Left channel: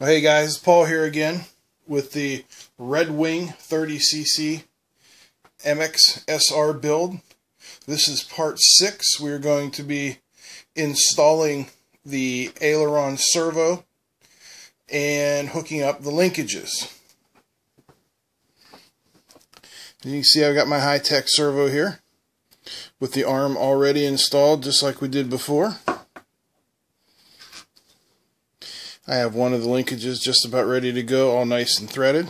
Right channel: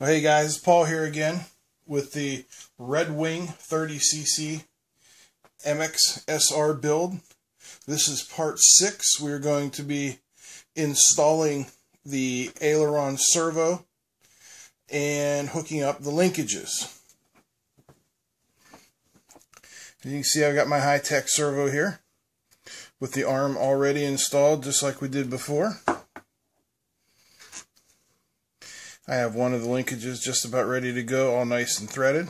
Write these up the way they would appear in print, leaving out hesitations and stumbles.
Well, hey guys, Paul here again with the Redwing 30cc MXSR build. This is part 6. We're going to be installing the aileron servo and hooking up the linkages. You can see I've got my high-tech servo here with the arm already installed just like we did before. I have one of the linkages just about ready to go, all nice and threaded.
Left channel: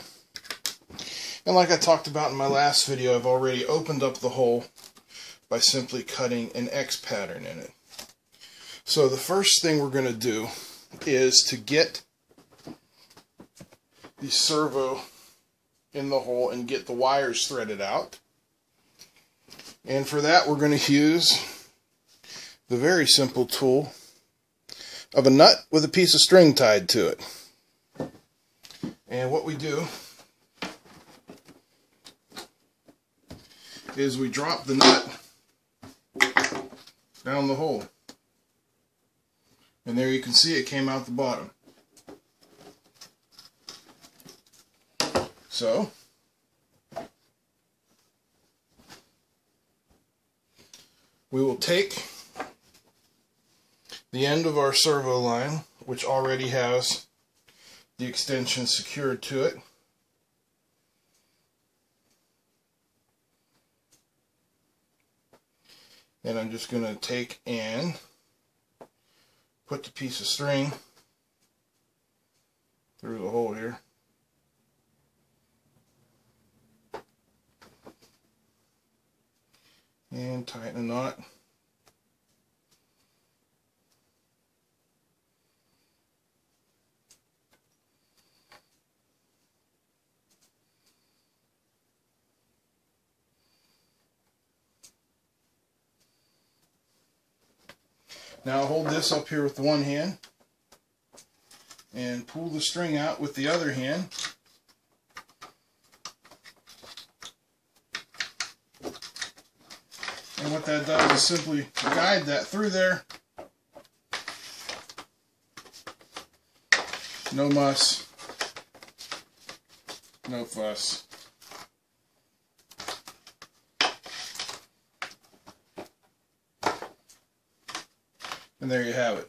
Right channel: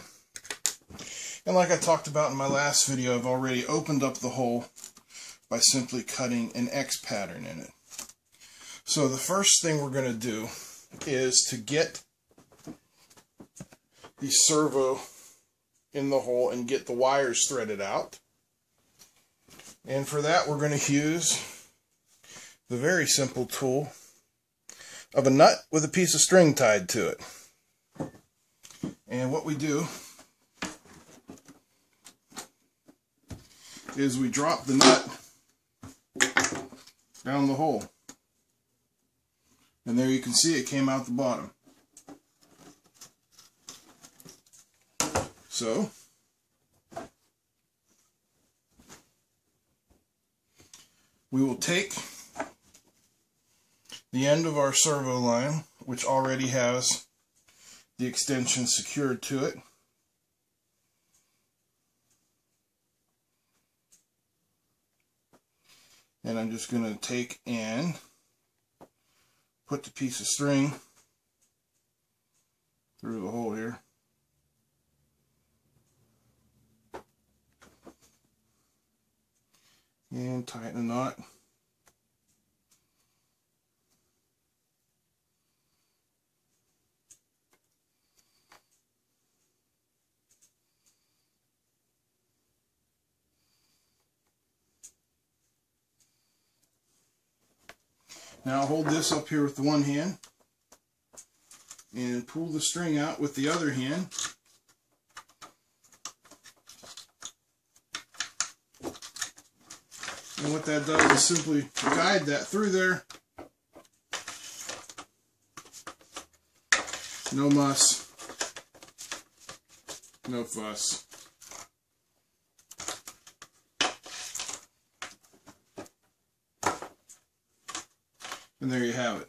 And like I talked about in my last video, I've already opened up the hole by simply cutting an X pattern in it. So the first thing we're going to do is to get the servo in the hole and get the wires threaded out. And for that we're going to use the very simple tool of a nut with a piece of string tied to it. And what we do is we drop the nut down the hole. And there you can see it came out the bottom. So we will take the end of our servo line, which already has the extension secured to it, and I'm just going to take and put the piece of string through the hole here. And tighten a knot. Now hold this up here with the one hand and pull the string out with the other hand. And what that does is simply guide that through there. No muss, no fuss. And there you have it.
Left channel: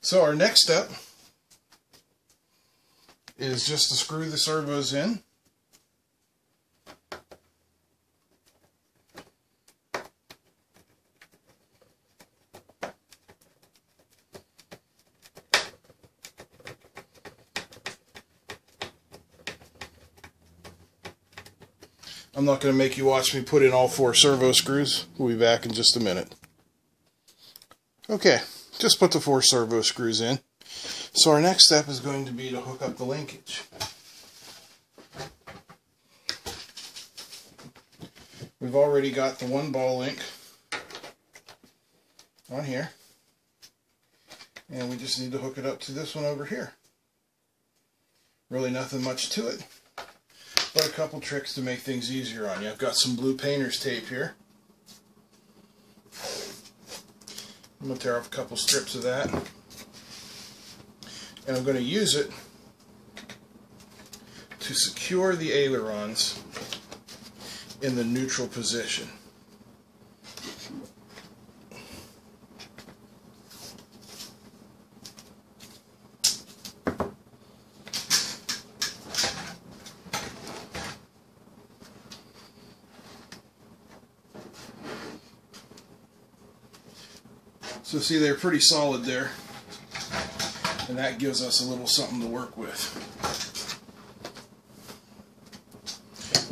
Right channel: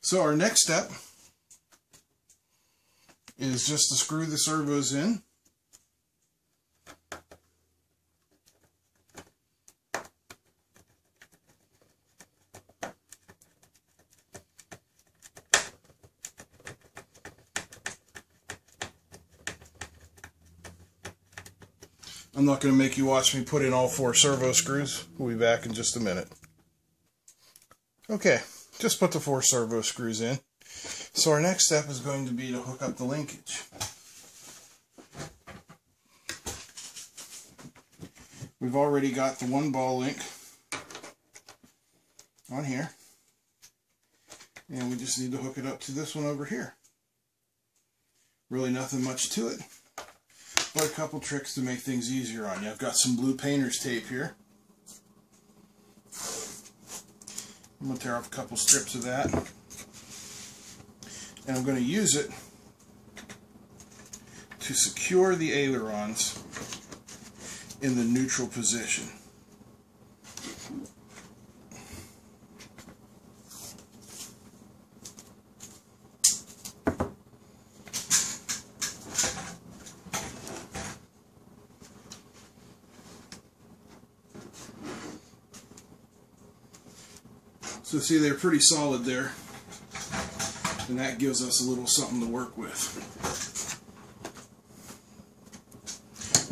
So our next step is just to screw the servos in. I'm not going to make you watch me put in all 4 servo screws. We'll be back in just a minute. Okay, just put the 4 servo screws in. So our next step is going to be to hook up the linkage. We've already got the 1 ball link on here. And we just need to hook it up to this one over here. Really nothing much to it, but a couple tricks to make things easier on you. I've got some blue painter's tape here. I'm going to tear off a couple strips of that. And I'm going to use it to secure the ailerons in the neutral position. So see, they're pretty solid there, and that gives us a little something to work with.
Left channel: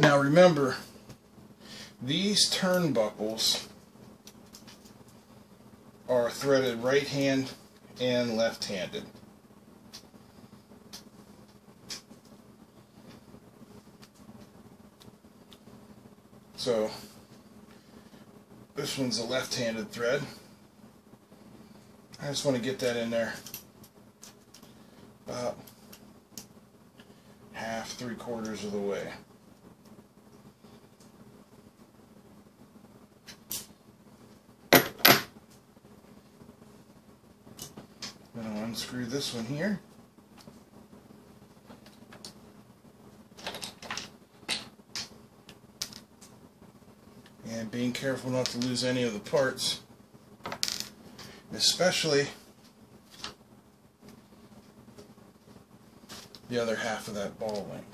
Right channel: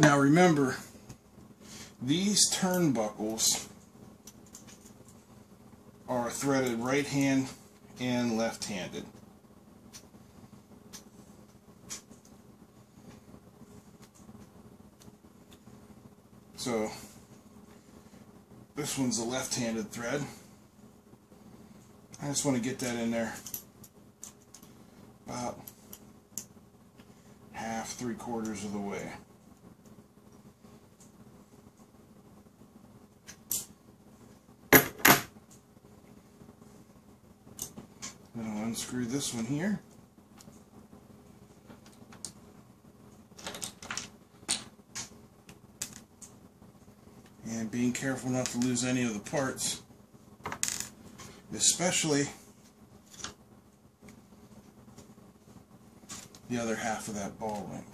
Now remember, these turnbuckles are threaded right hand and left handed. So this one's a left-handed thread. I just want to get that in there about half, 3/4 of the way. Then I'll unscrew this one here. And being careful not to lose any of the parts, especially the other half of that ball link.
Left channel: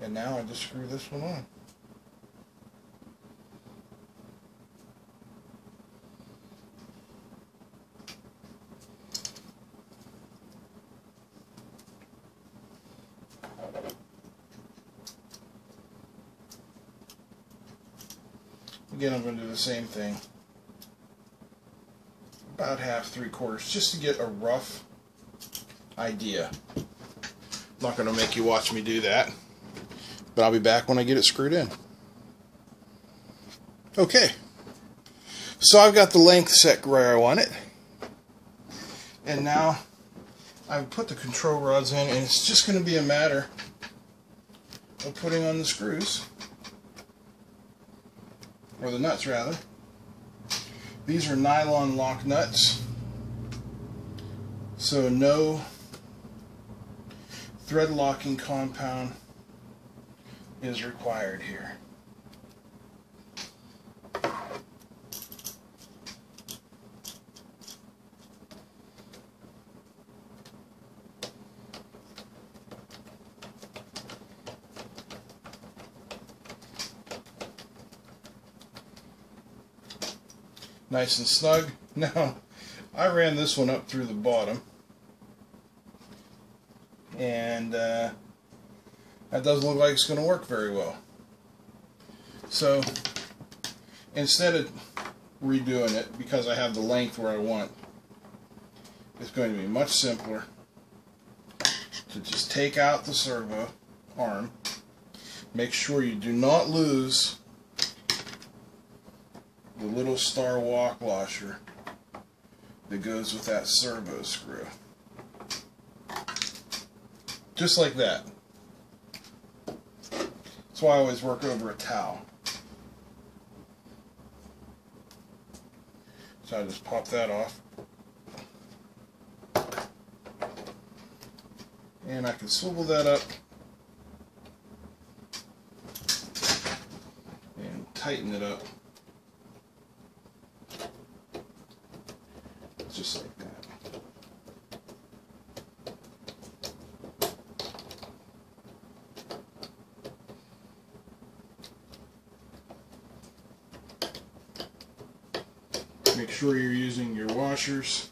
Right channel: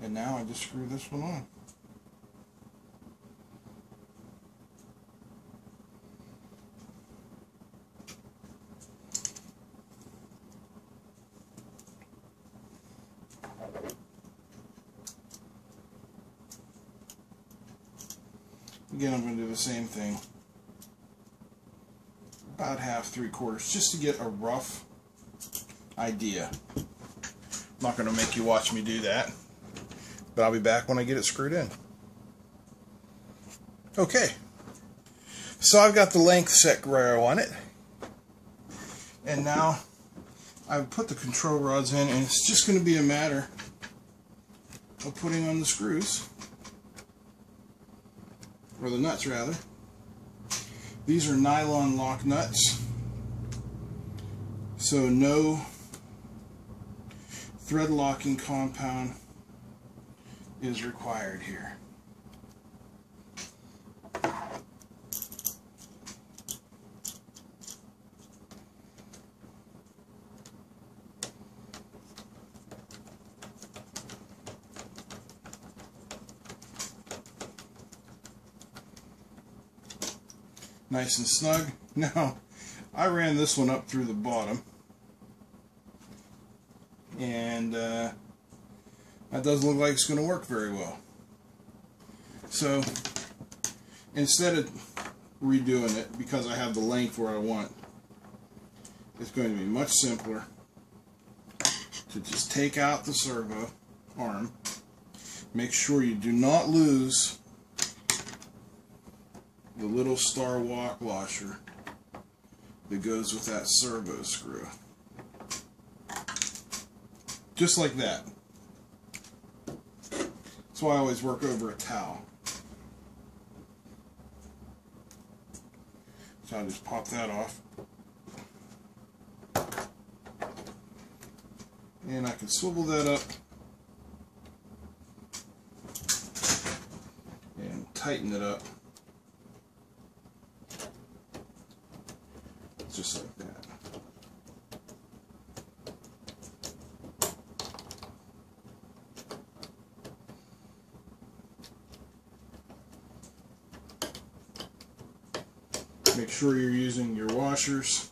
And now I just screw this one on. Again, I'm going to do the same thing. About half, 3/4, just to get a rough idea. I'm not going to make you watch me do that, but I'll be back when I get it screwed in. Okay, so I've got the length set where I want it, and now I've put the control rods in, and it's just going to be a matter of putting on the screws. Or the nuts, rather. These are nylon lock nuts, so no thread locking compound is required here. Nice and snug. Now, I ran this one up through the bottom, and that doesn't look like it's going to work very well. So, instead of redoing it, because I have the length where I want, it's going to be much simpler to just take out the servo arm. Make sure you do not lose the little star walk washer that goes with that servo screw. Just like that. That's why I always work over a towel. So I just pop that off. And I can swivel that up and tighten it up. Just like that. Make sure you're using your washers.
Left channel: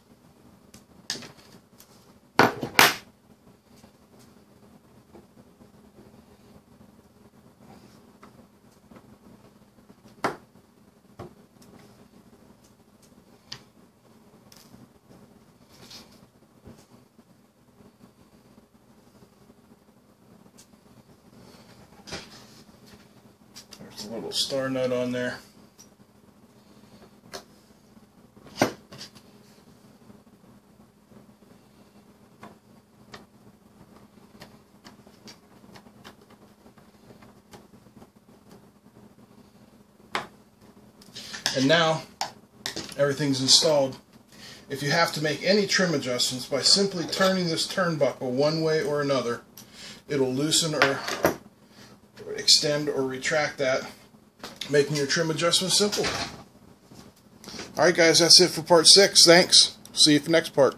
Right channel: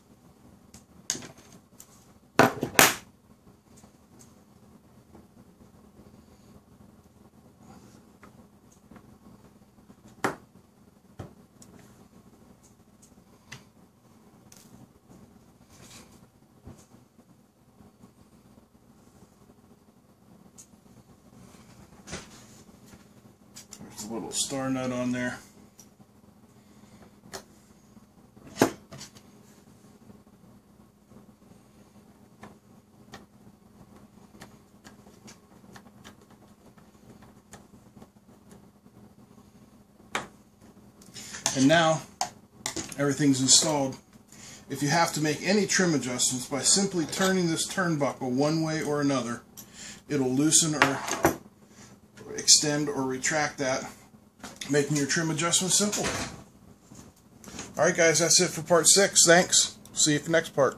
There's a little star nut on there. And now everything's installed. If you have to make any trim adjustments, by simply turning this turnbuckle one way or another, it'll loosen or extend or retract that, making your trim adjustments simple. Alright guys, that's it for part 6. Thanks. See you for the next part.